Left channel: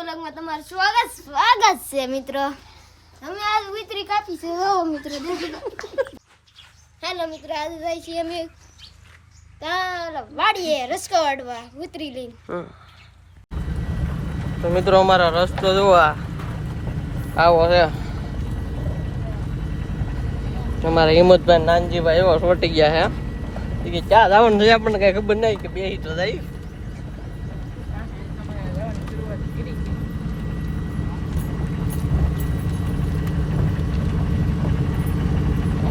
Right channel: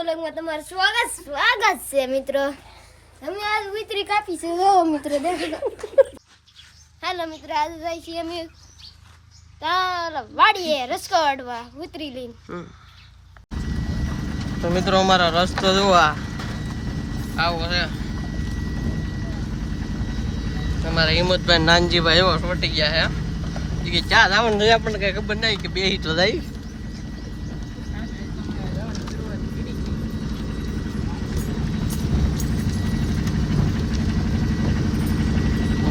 વ્લોગમાં તમારું સ્વાગત છે મિત્રો. અમે આજ વિતરી કાપી છે મિત્રો દેખો. હાલો મિત્રો આજ જાય છે અમે વાડીએ રસકો વાડવા વિતરી લઈને. તો મિત્રો અમારા રસ્તો જોવા આવો છે. અમારા હિંમતભાઈ નાનજીભાઈ એવો છોટી ગયા છે કે ચા જવાનું છે આપણને કઈ ખબર નહીં કે બે તો જાય.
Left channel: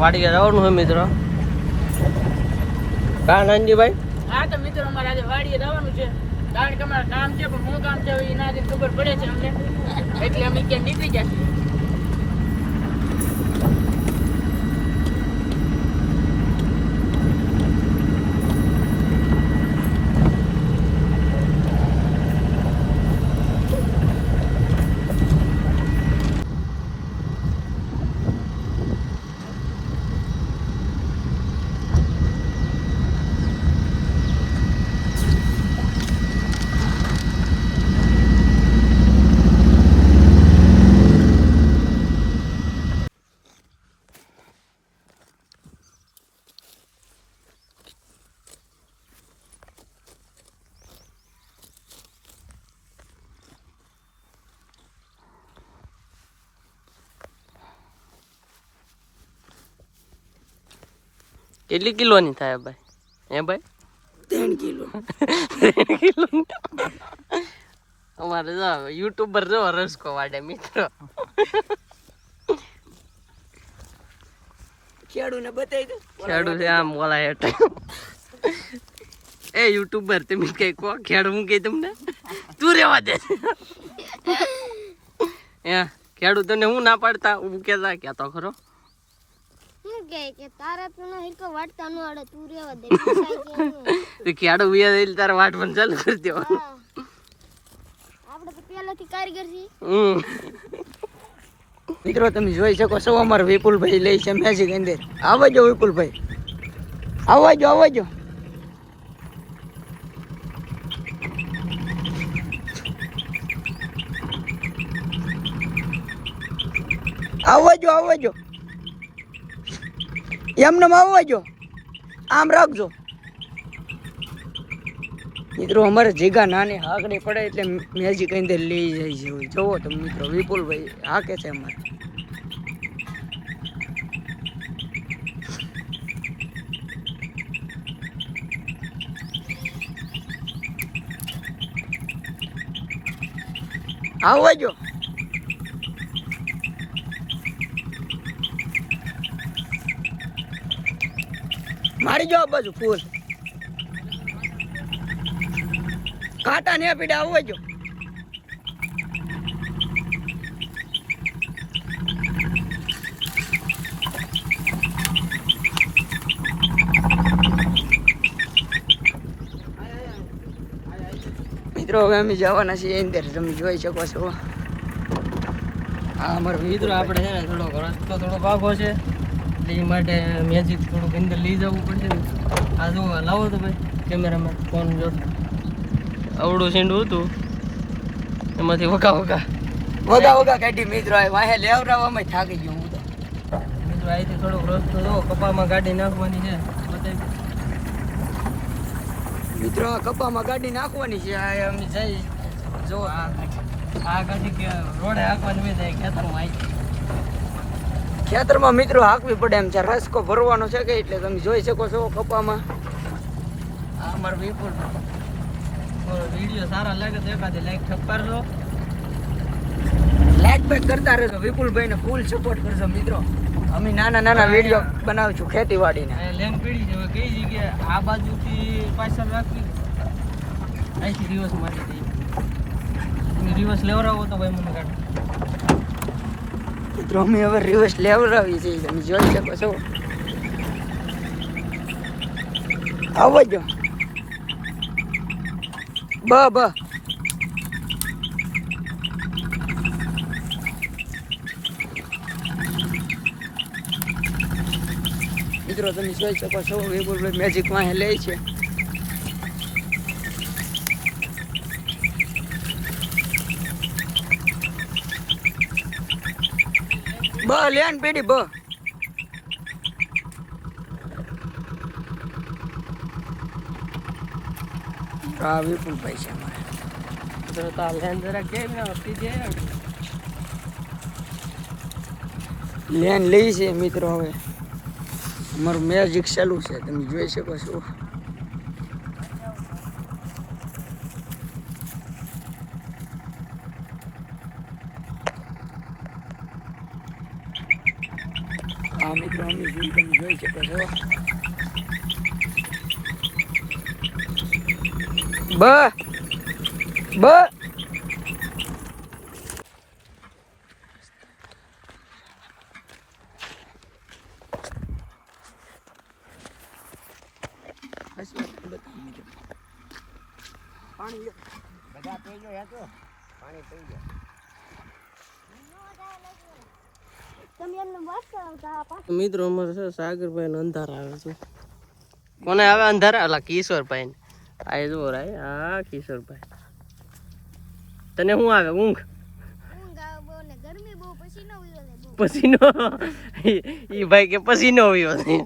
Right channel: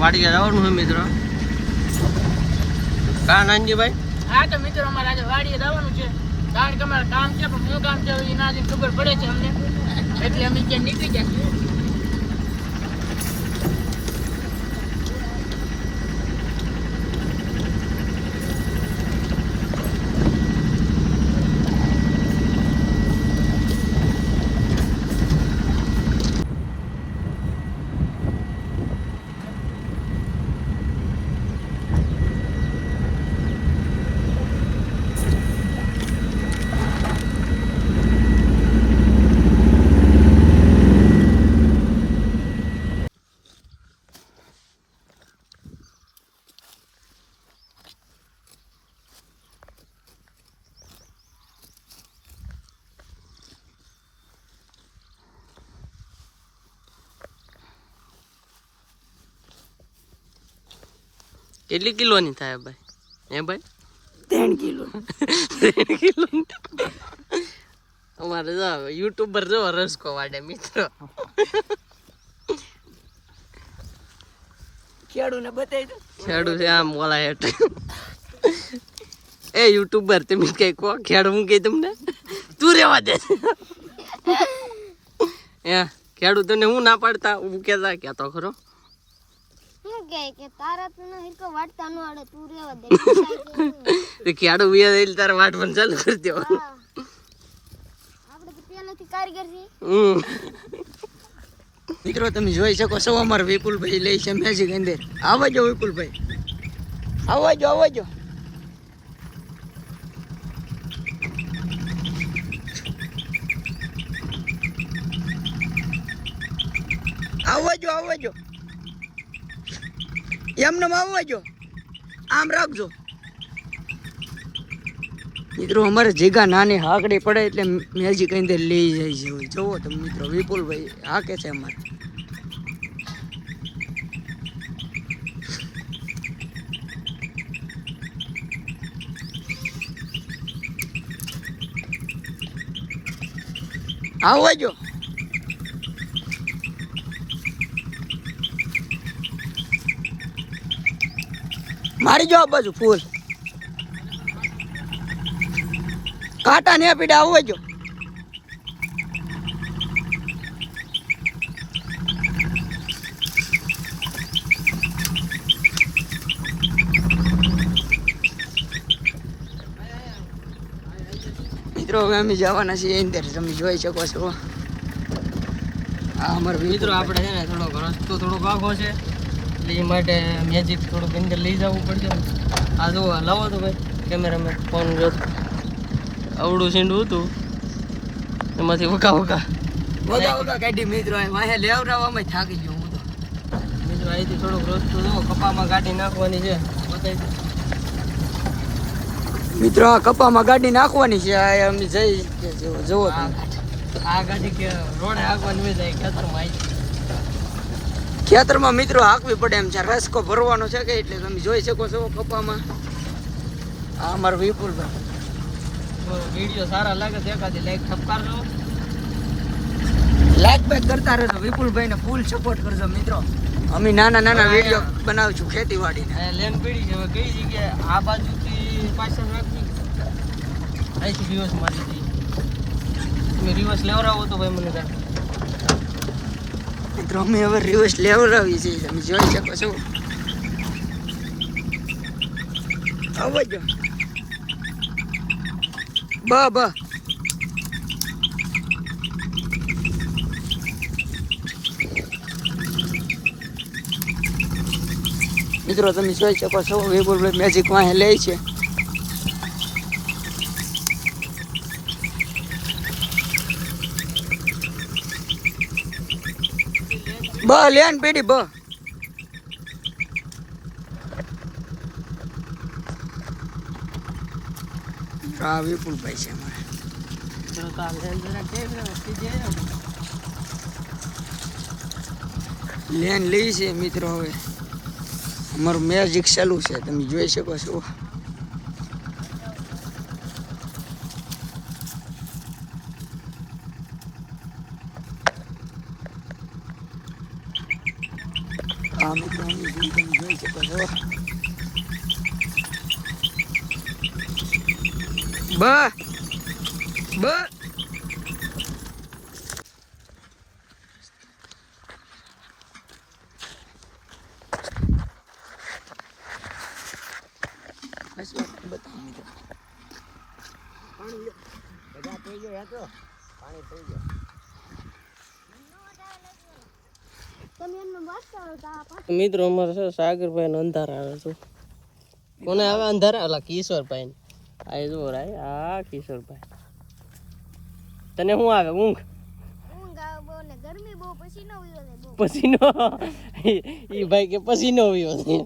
વાડીએ જવાનું છે મિત્રો. કા નાનજીભાઈ? હા તો મિત્રો અમારે આજે વાડીએ જવાનું છે. કારણ કે અમારે કામ છે પણ શું કામ છે એના જે ખબર પડે છે અમને, એટલે અમે ત્યાં નીકળી ગયા છીએ. કેટલી કિલોની થાય ભાઈ? હે ભાઈ? 3 કિલો. 3 કિલો. અમારે જો યુટ્યુબર જો રસકો વાડે મિત્રો. ખેડૂને બતાવી દો. ખેડૂ છે આમ બોલા હેઠ. એ યુટ્યુબર તમે કઈ કહો, ખેડૂ હું કઈ તમને તું રેવા દે. ખેડૂ તને હું ના પાડતા હું કેતા કેતો ખરો. કે તારા તો હિરકો વાટતા નો આડે તું રેવા દે. ખેડૂ વિયા દે તારે વાટ પણ ચાલુ કરી દો. આપણે તો પહેલાથી કારીગર છે. મિત્રો તમે જોઈ શકો છો અમારા વિપુલભાઈ લઈ છે મેજિક અંદર. આવજો વિપુલભાઈ, આવજો. આવજો એમને આવજો, આમ રાખજો. મિત્રો અમારે જગ્યા નાની હાકડી પડે એટલે મેજિક અંદર લઈ જાય છે. જોવો તમે મિત્રો વિપુલભાઈ હાકે છે અમારે. આવજો. મારી જો આ બાજુ ફૂલ કાંટા ને પીડા આવજો. મિત્રો હવે અમે જવાના છીએ અંદર, તમે જોઈ શકો છો. આ અમારો મિત્રો આપણે છે ને થોડોક રસ્તો થોડોક આઘો છે એટલે એ માટે મેજિક થોડુંક અંદર લઈ જવું પડશે ને. આ જુઓ લાવો તો ભાઈ કેમેરામેન ફોન જો. આવડું સીંડું હતું એમાંથી વગા કાઢી મિત્રો વાહે લેવરાવામાં થાકી ગયો હું તો. મિત્રો અહીંથી થોડોક રસ્તો જો કપામાં ગાડી નાખવાની છે. મિત્રો આ કપામાં ગાડી નાખવાની છે. આ અમે જઈ જોવો આ ગાડી કે રોડે હાંકવાની હોય જાય ખેતરમાં આવી. ખેતરમાં મિત્રો હાંકવી પડે એમ છે. રસકો ભરવાનો છે કે એટલે તમે જોઈ શકો છો કપામાં. આ અમારો વિપુલભાઈ. વિડીયો સારા લાગે તો એકાદી લાઈક ઠપકારજો, લાઈક બેક કરતા રહેજો. વિપુલભાઈને ફૂલ સપોર્ટ કરજો મિત્રો. અમે નાના વિડીયો બનાવશું ખેતીવાડીને. લેમ પીડી છે કઈ જગ્યાએ આ બાજુથી પાછળ રાખવી અહીંથી દિવસ માટે તમે રિવર્સ લેવડાવો તો ભાઈ મને કાઢો. મિત્રો અમે હવે રિવર્સ લેવડાવી છે, તમે જોઈ શકો છો. આવજો બ મિત્રો તમે જોઈ શકો છો વિપુલભાઈ મેજિકમાં લે છે. બ લેન પેડી બ આ વિપુલભાઈ છે અમારે. તો તાલ લેન જરા કેમ ના વસ્તી દે ને લેન લઈ છે મિત્રો. હવે અમારું મેજિક ચાલુ છે, તમે જોઈ શકો છો. હા મિત્રો, અમે તમે જોઈ શકો છો. બ બ બસ વાત બતાવો મિત્રો. પાણી લો. બધા થઈ ગયો યાતો. પાણી થઈ ગયો. મિત્રો અમારે છે સાગરભાઈ નો અંધારા આવે છે. કોને આવે અંધારા? અલા કિશોરભાઈ ને. આ જો રાય આ કિશોરભાઈ. તને શું આવે? ઊંઘ આવે બહુ ને ગરમી બહુ, પસીનો ઉયો છે બહુ. પસીનો ઈ ભાઈ કે પસીનો આવ્યો છે.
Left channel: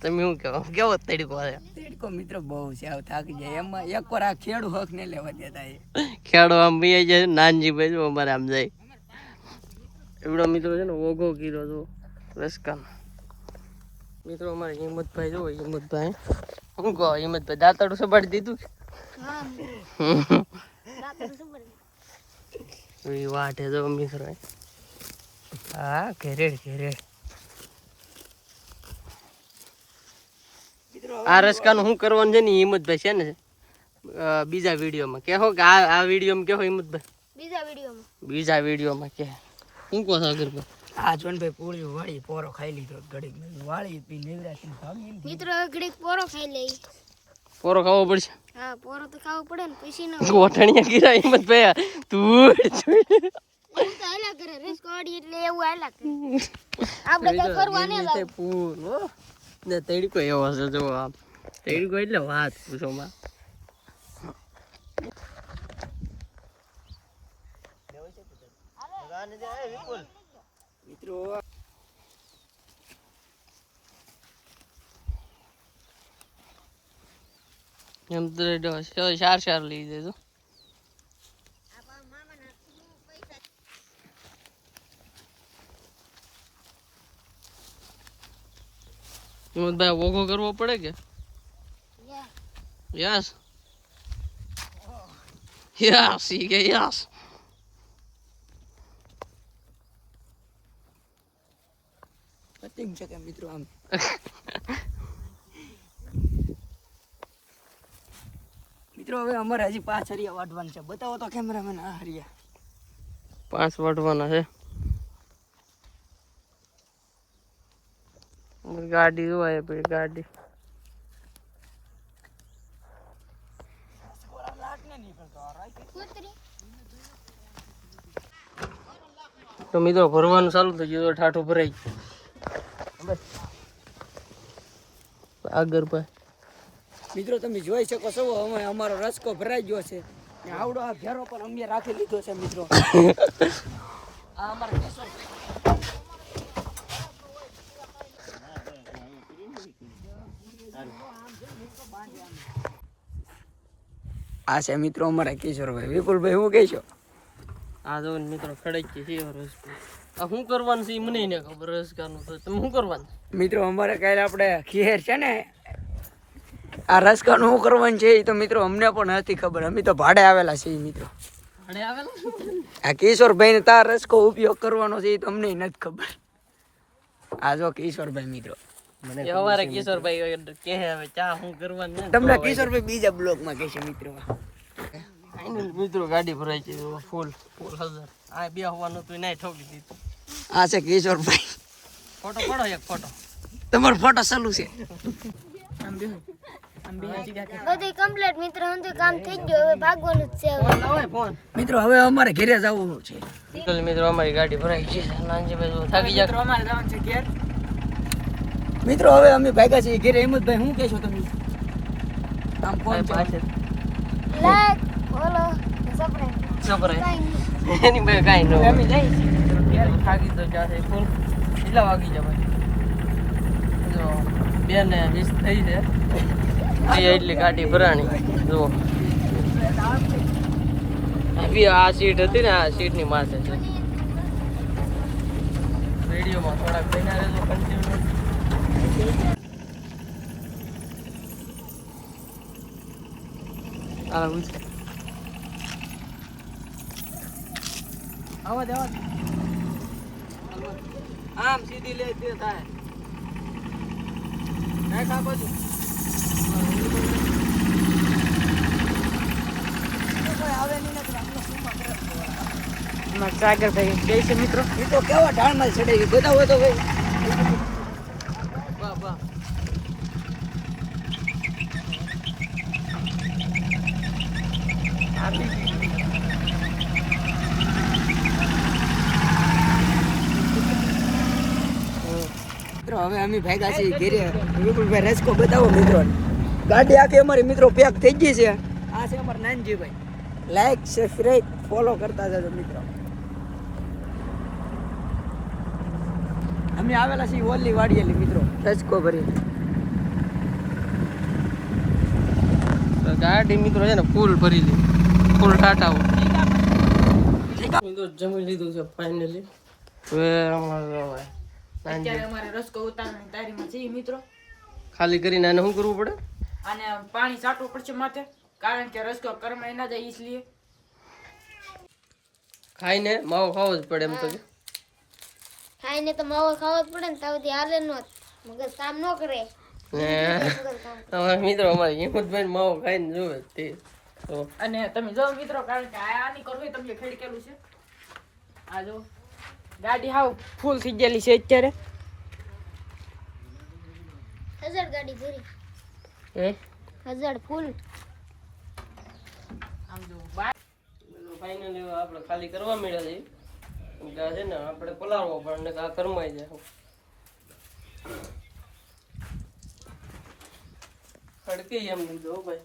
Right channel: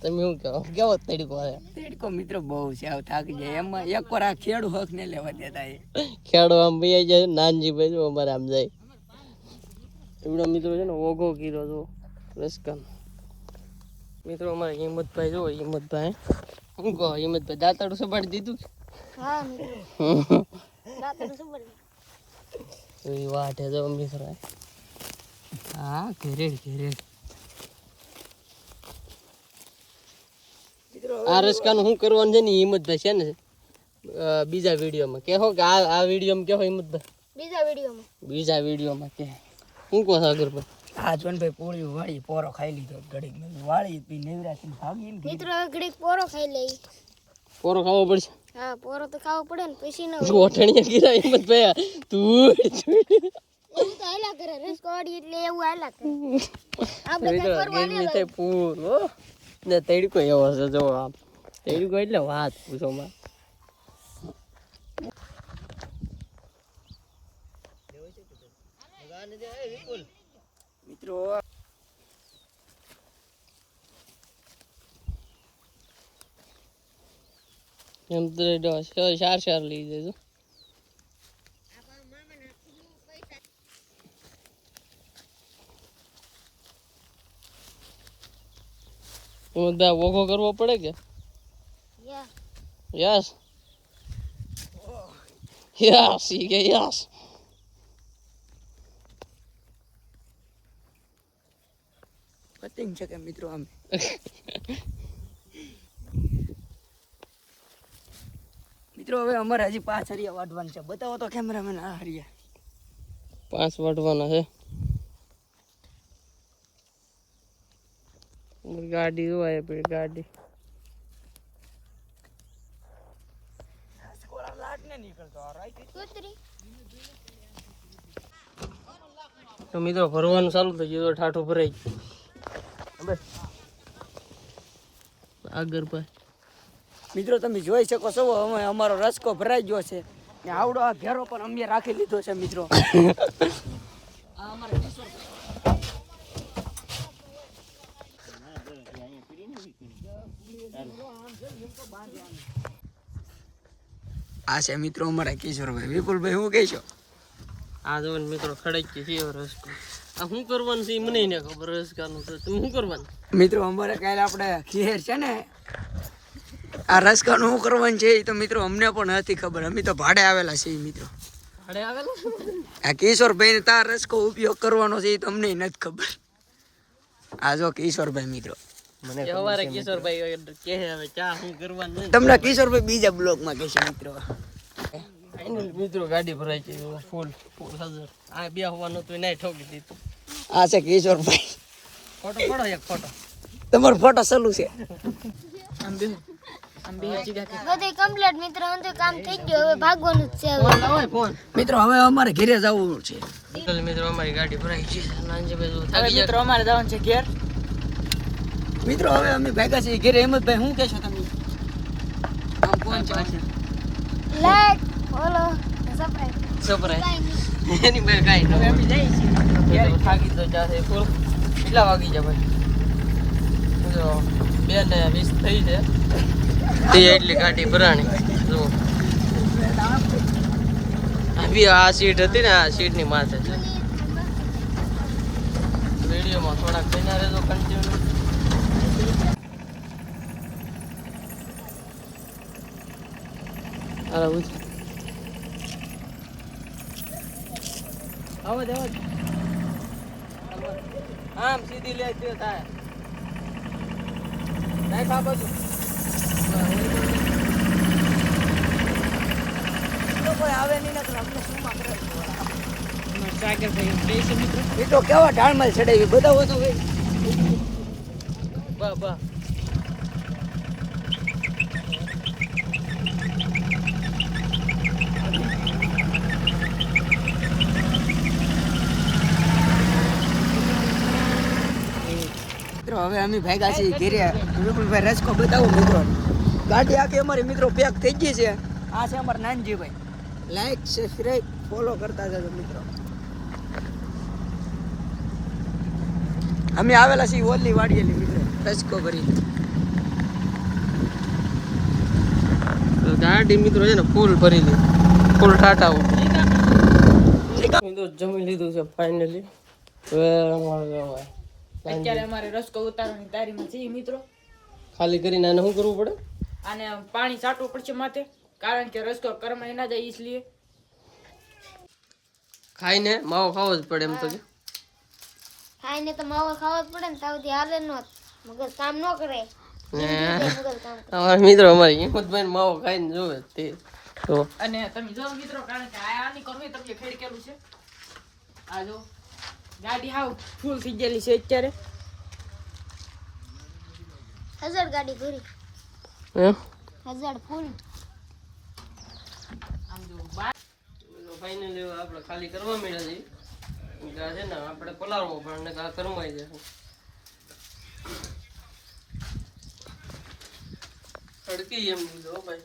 તમે શું કહો? કેવો તડકો છે? તેડકો મિત્રો બહુ છે. આવ થાકી જાય એમાં એક વાર આ ખેડૂ હક ને લેવા દેતા એ ખેડો આમ બી જાય. નાનજીભાઈ જો અમારે આમ જાય. એવડો મિત્રો છે ને ઓઘો કીરો જો રસકાન. મિત્રો અમારે હિંમતભાઈ જો હિંમતભાઈ શું કહો? હિંમતભાઈ દાંતડું સપાડી દીધું. હા મિત્રો, રાતનું શું બને? એ વાટે જો મિત્રો. હા ઘેરેડ ઘેરેડ. આ રસકાનું શું કરવાનું છે ને હિંમતભાઈ છે ને બીજા વિડીયોમાં કહો કે આ વિડીયોમાં કહો હિંમતભાઈ. બીજા વિડીયોમાં કે શું કહો સાગરભાઈ? આ જોનભાઈ પૂરી વાળી પોરો ખાઈ લીધો ઘડીક મેં વાળી પી નેવરાથી ભાગી ને મિત્રો ઘડીક પોરો ખાઈ લે. પોરો ખાવો પડશે. હા પોરો તો ખાવો પડે ને, પછી ન ગોઠણિયા ગીરા હિંમતભાઈ તું એવું તો હાલ્યા કરે રેસકોડી એટલે એવું હાલ્યા કરે. આપણે કઈ કરવા નહીં થાય પૂરો ને તડકો એવો છે જો આમ તડકો એટલે વાત પૂછો માં. મિત્રો એમ તો ચાર લઈ દેજો. હિંમતભાઈ ઓઘો કરવો પડે કે? યસ યસ ઈ કે યસ. પતિંગ છે કે મિત્રો આમ મિત્રો હવે અમારે હજી 5 હરિયા વાટવાના છે. બતાવો તો કેમેરામેન આ હરિયા 5 વાટવાના છે. ગાડી જોવાય પછી ગાડી તો મિત્રો ભરવાનું ચાલુ થઈ ગયું. ઠાઠું ભરાઈ ગયું આગળ ભાઈ. મિત્રો તમે જોઈ શકો છો અમે અમારો રસકો ભરાઈ ગયો છે ને આવડો આ ઘેરો પણ અમે રાખી લીધો છે મિત્રો. આ અમારો આ છે મિત્રો અમારા કિશોરભાઈ. વિપુલભાઈ શું કહેશો? આ જો મિત્રો ખડકી છે રસકો. આ શું કરવાનું છે એ મને ને ખબર. રસકાનું તો તમે શું કરવાનું? મિત્રો અમારે કાલે આપણે ખીર છે ને આ રસકાનું શું કરવાનું છે એ તો મિત્રો અમને પણ નથી ખબર. અમે તો ભાડે આવેલા છીએ મિત્રો. ભાડે આવેલા આ કિશોરભાઈ ને તાર રસકો ઉપયોગ કરવાનો છે એ તો અમને નથી ખબર. આ જો કિશોરભાઈ મિત્રો અમારે કિશોરભાઈ કે હવે ચા શું કરવાનું તમને કિશોરભાઈ બીજા બ્લોગમાં કહેશે મિત્રો. મિત્રો ગાડી ભરાઈ છે ફૂલ ફૂલ 1000. આ બે હોવાનું તો નહીં ઠોકી દીધું. આ છે કિશોરભાઈ. ફોટો પડો એક ફોટો. તમારો ફોટો ચાલુ છે. બધું કમ્પ્લીટ મિત્રો, અંતે કામ થઈ ગયું. હવે ભાગવાનું જ છે. ફોન મિત્રો હવે અમારે ઘરે જવું છે. મિત્રો અમારી ગાડી ભરાઈ છે. નાનજીભાઈ થાકી જાય. અમારે જવાનું છે ઘેર. મિત્રો હવે અમે ભાગ્યા છીએ ઘરે. હિંમતભાઈ શું કહેશો તમે? આમ કોણ છે? લાઈક બોલો સબસ્ક્રાઇબ સબરાય એની ભાઈ કાઈ ન હોય. થાકી તો જાશે ફૂલ. કેટલા વાગી જાય ભાઈ? જો 2:20 થઈ છે. તે એટલી ગાડી ભરાણી જુઓ. આ સીટ હતી ને, આ સીટની માથે છે. વિડીયોમાં થોડાક બન્યા રહેજો કન્ટિન્યુ. આવા દેવા આમ સીધી લે જે થાય નાખ આ બાજુ. કોઈ આવે નહીં નથી આપણે શું કરે અમારા સાગરભાઈ કે છે મિત્રો. એ તો કેવો ઢાળમાલ ચડાવી બધા હોય તો ભાઈ. વાહ વાહ. મિત્રો હવે અમે ભાગ્યા છીએ ઘેરે. વિપુલભાઈ રસકો બતાવો મિત્રો. ગાડી આખી અમારી મિત્રો પેક થઈ ગઈ છે. આ છે અમારા નાનજીભાઈ. લાઈક સબસ્ક્રાઈબ ફોલો કરતા જજો મિત્રો. અમે આવેલા છીએ ઓલી વાડીએ મિત્રો રસકો ભરી. ગાડી મિત્રો છે ને ફૂલ ભરી લીધી, ફૂલ ટાટા. મિત્રો જમી લીધું છે ફાઇનલી. હવે અત્યારે અમારે રસકો ઉતારવાની તૈયારીમાં છીએ મિત્રો. ખાલી કરીને આને શું કરવું પડે? આને પાણી છાંટવું પડશે માથે, કારણ કે રસકો કરમાઈ ના જાય इसलिए. ખાઈને માવો ખાવો જ પડે એમ તો કે. ખાઈને તો માવો ખાવો જ પડે ને, તાવથી હાલે ન મગજ કામ ન કરે. અમારા મિત્રો અમારી હિંમતભાઈ માવો ખાઈને જોવે તે તો. અને તમે જો મિત્રો, કારણ કે આની કરવી તમને ખેડકેલું છે. આ જો ગાડી હાવ ફૂલ થઈ ગયેલી છે અત્યારે. 1000 ગાડી ભરી, હે 1000 ફૂલ. આમ જો બાય ફાઇનલી આપણે ખાલી કરવા મળ્યા છે. છે ને આપણે પલાળવો પણ આ કરમાઈ જાય. અડકી એમ દીધો ભાઈ.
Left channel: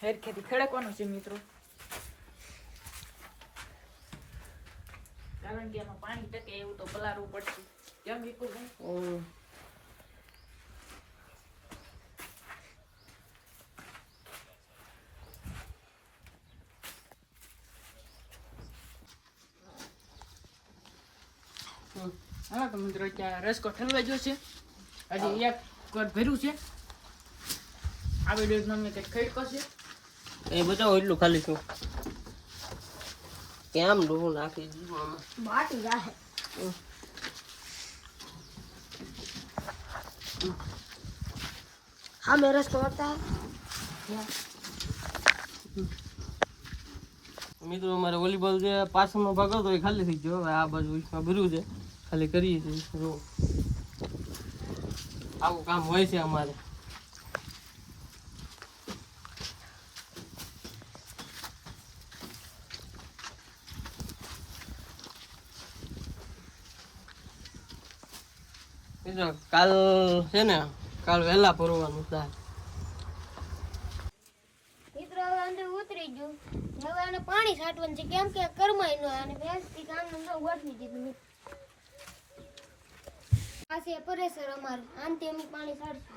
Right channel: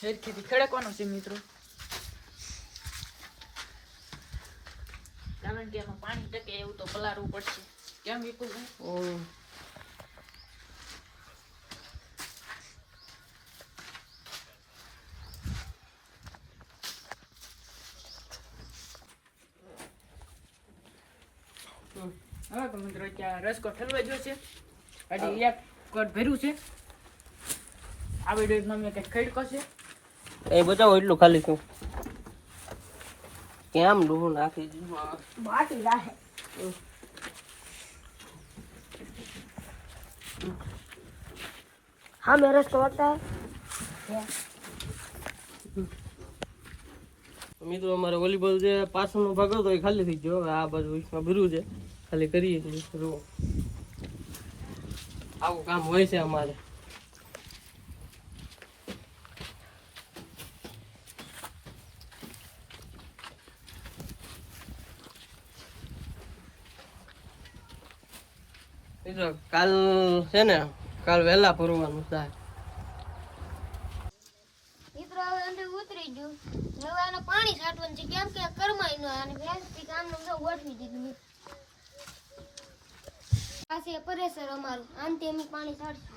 ખેતી ખેડકવાનું છે મિત્રો, કારણ કે એમાં પાણી ટકે એવું તો પલાળવું પડશે. કેમ વિપુલભાઈ? હા તો મિત્રો ત્યાં રસકો ઠલવા ગયો છે. હજી એક કટ ભર્યું છે. આ વિડીયોમાં મેં કંઈક ખેડકો છે. એ બતાવો એટલું ખાલી શું કેમ ડૂબું નાખી દીધું. માટી જાહે. હા મેં રસ્તો વળતા મિત્રો અમારે વોલીબોલ જે પાછળનો ભાગ હતો એ ખાલી થઈ ગયો. હવે આ બાજુ ભર્યું છે, ખાલી કરીએ છીએ. જો આવું કામ હોય છે અમારે. કાલ છે ને, કાલ વહેલા ભરવાનું થાય. મિત્રો હવે અંદર ઉતરી ગયું. હવે આને પાણી છાંટવાનું છે, કેમ કે કરમાઈ ન અને વ્યવસ્થિત કામનું તો ગોઠવી દીધું. પાસે પરેશર અમારે આનથી અમે પાણી છાંટશું.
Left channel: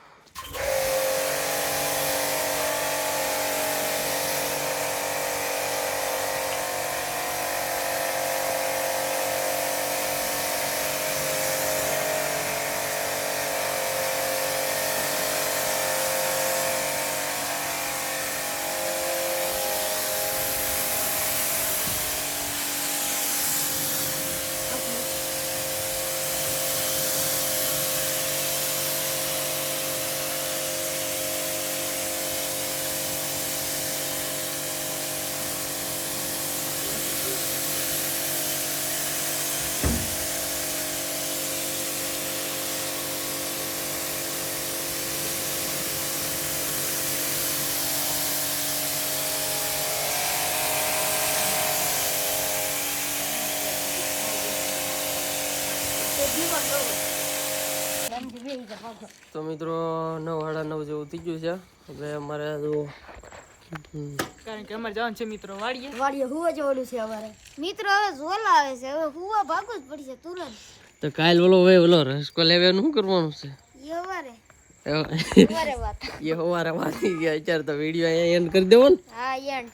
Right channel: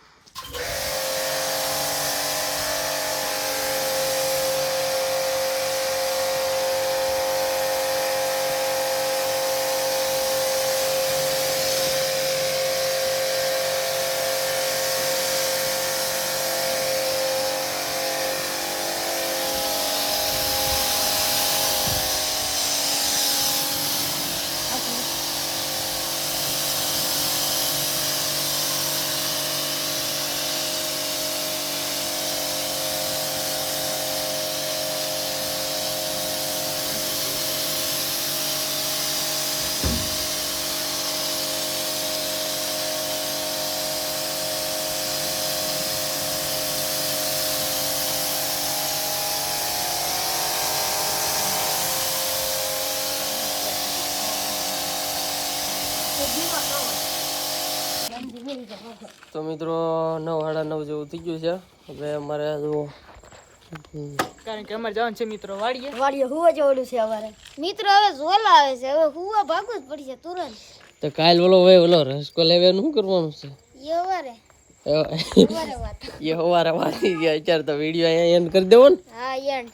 તો મિત્રો 9:30 જેવું થઈ ગયું છે. હવે અમારે કારણ કે અમારે જવાનું છે મિત્રો વાડીએ. વાડીએ હુવા જવાનું છે અમારે મિત્રો. હવે ઝોલા આવે છે, હવે હુવા ભાગવું જ પડશે તુરંત. તો કાલ ઓલો રસકો લેવાનું શું કરવાનું છે? એ અમારે એ અમારે વાત. હવારે વાંચી ગયા અત્યારે તો વિડીયો અહીંયા એન્ડ કરી દેવો ને. હા એન્ડ